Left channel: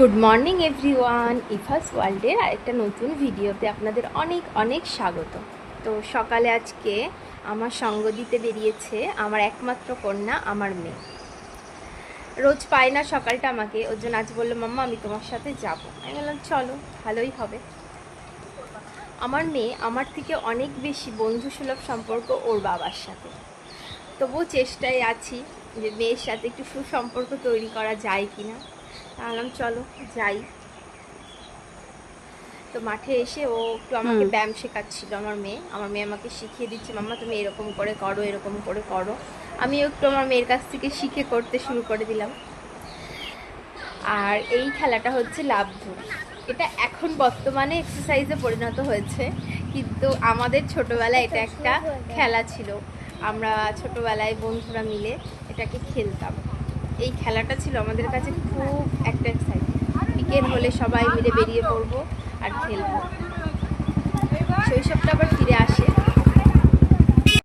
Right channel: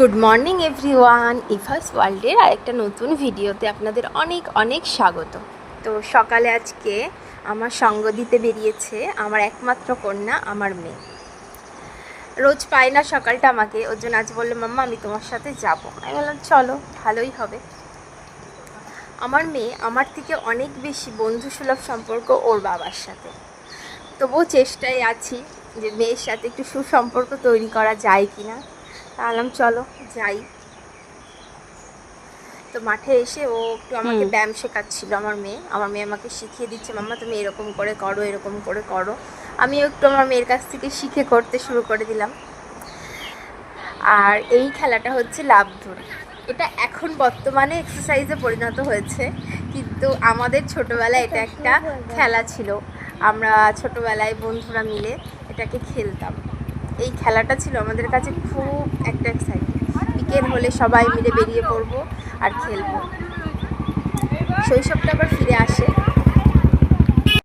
Good morning everyone, Ifas ওয়ার্ল্ডের আরেকটা নতুন ভিডিওতে আপনাদের অনেক অনেক স্বাগত। তো সকালে আজকে আমার সঙ্গ দিতে বেরিয়েছে আমার একমাত্র কন্যা, আমার মেয়ে। রোজ পায় না সকালটা আমাকে, ওর জন্য আজ বললো মাম্মা আমি তোমার সাথে যাব। আমি বললাম চলো, ভালোই হবে। আমার মেয়ে আমার থেকে অনেক বেশি বন্ধুসুলভ সম্পর্ক ওর বাবার সাথে। তবুও চেষ্টায় আছি যে মেয়ের সাথে একটু সুসম্পর্ক তৈরি করা যায় কি না। বললাম চলো যাই। তো মাঠে এসে ও একটু আমাকে ব্যায়াম শেখাচ্ছিল। আমার মেয়ে আমাকে শিখিয়ে দিচ্ছে, মাম্মা তুমি এরকম করে করো, এরকম করে করো। আমিও একটু আমার মেয়ের কাছ থেকে শিখে করতে শুরু করে দিলাম। আর এই খেলাটা হচ্ছে লাফ দড়ি। এটা এখন বর্তমানে এক্সারসাইজে পরিণত হয়েছে, কিন্তু আমাদের ছোটোবেলায় এটা একটা খেলা ছিল। আমরা ছোটোবেলায় বন্ধুরা মিলে এটাকে খেলতাম। এই খেলাটা ছিল আমাদের কাছে খুব একটা এক্সাইটিং। বিকেল হলে সবাই মিলে বেরিয়ে পড়বো আর খেলবো। শৈশবটা আবার ফিরে আসে।